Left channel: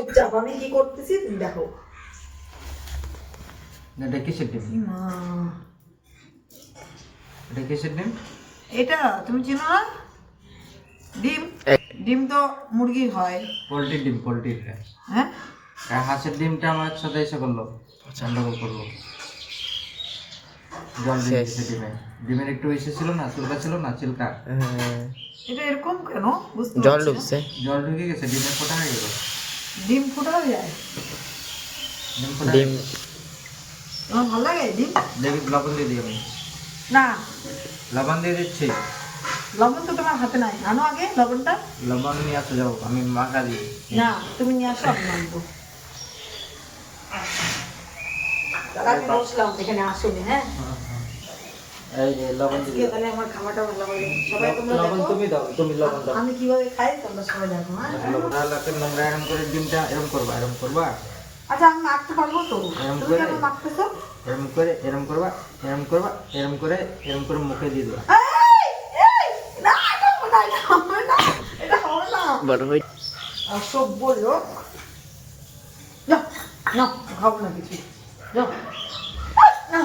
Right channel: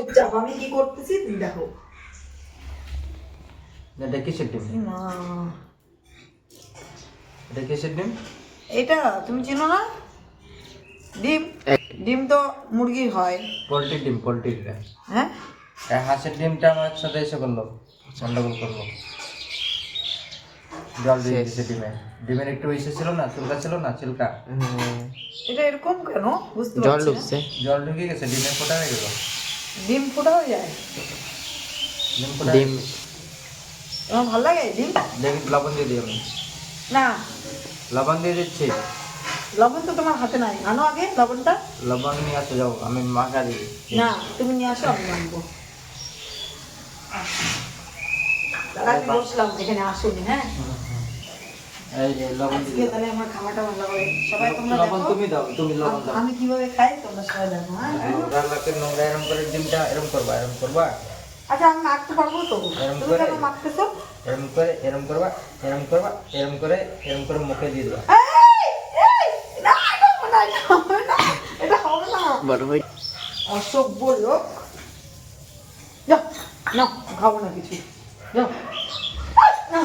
চুপচাপ, আমি কি করতেছি তুমি দেখো। এটা কিসের ডিম? এটা কিসের ডিম? এটা তুমি চিনো না? ডিম, ডিম তো মুরগির হয়। পোলট্রির ডিম, পোলট্রির। হ্যাঁ, হাঁসের ডিমটা আমার সাথে এসে করলো, গন্ডগোল করলো, জল দিয়ে দিয়েছে ডিমে। ডিমের একটু ইসে ছিল না, চুলকা ছিল না, চিলকা। এটা এরকম কেন বুঝতে জল পারছি না। ঢুকছে। জল ঢুকে গেছে, ডিমে ফোটা হয়ে গেল। ডিম ফোটা হয়ে যায়? ডিম ফোটা ডিম তোমার ভালো লাগে ডিম? ডিম লবণ দিয়ে দিই আমি, না, লবণ দিয়ে দিচ্ছি। লবণ তো তোমার হাতে নাই, আনো আগে লবণটা। লবণ নিয়ে আসতে যাও, আমি মাখা দিই। না, তুমি নিয়ে আসো, আমি আনবো। তাহলে আমি বসলাম এখানে, আসেনি। হ্যাঁ, এই যে লবণ আজকে দিয়ে তাহলে আমার খাবারটা ভালো হবে। সবাই তোমরা লবণ দেখো তুমি দাও, তুমি লবণ দাও। আমি কিভাবে খাই, তোমরা সবাই দেখো। হ্যাঁ, নোংরা লাগবে, নোংরা এরম করে ডিমটা এরম করবা, এরম করবা, আচ্ছা আমি মাখতে পারবো তো? এরম তুমি করে, কেন মাখতেছো? এরম করে, এরম করবা, এরম করবা, এরম করে, এরম করে মুখে দিয়ে দিবা। এই, এই, না, এটা হবে না, এটা হবে না, এটা হবে না। বড় হই অসভ্য লোক। যাও, না, খাবো না কিছু, যাও। না